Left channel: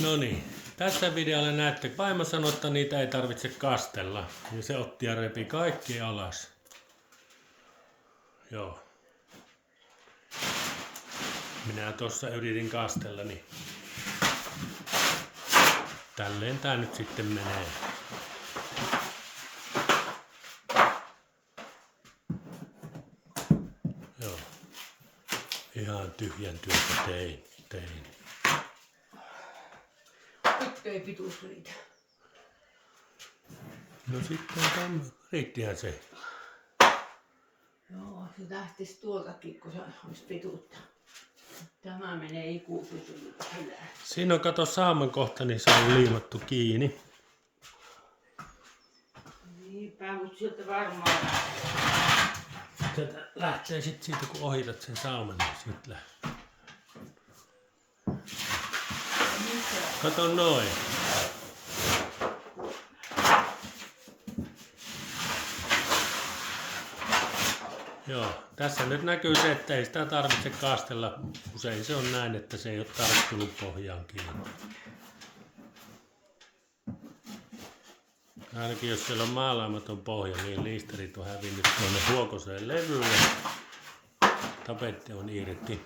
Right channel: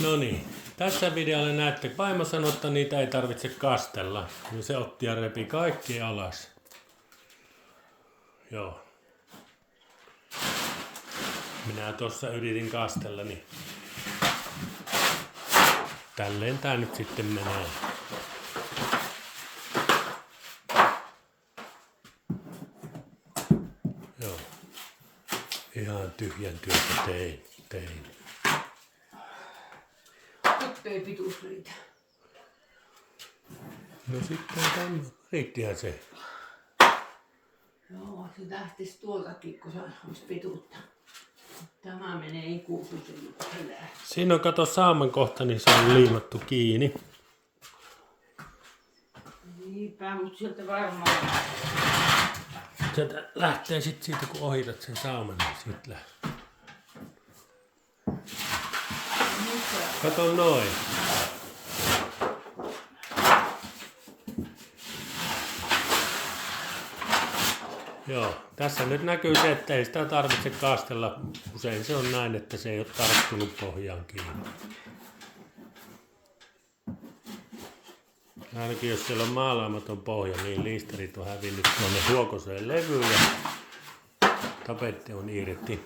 No niin, tässä videolla näette, vaimo sanoi, että niitä ei tarvitse kastella. Ja se otti ja repi kaikki alas. Joo. Minä tuossa yritin kastella, niin tälleen tää nyt sitten menee. Joo. Ihan tyhjän työtä tein. Nyt ei pituus riitä. No sitten tämä riittihän se. Joo, se lähtisi tuoltakin, kun se olisi pituutta. Tämä menee ikuisuuteen. Siinä on kato sauman kohta, niin se on liimattu kiinni. Niinpä, mutta sieltä varmaan. Sieltä lähtee sitten siitä, kun ohitat sen sauman, niin siitä lähtee. Kato noin. Joo, tässä nyt näkyy se, että ei sitä tarvitse kastella. Usein se on näin, että se ei ole tarttunut pohjaan kiinni. Ainakin jos siellä on maalaamaton pohja, niin liisterit on hävinnyt tuonne huokoseen levyyn ja tapetti on irti.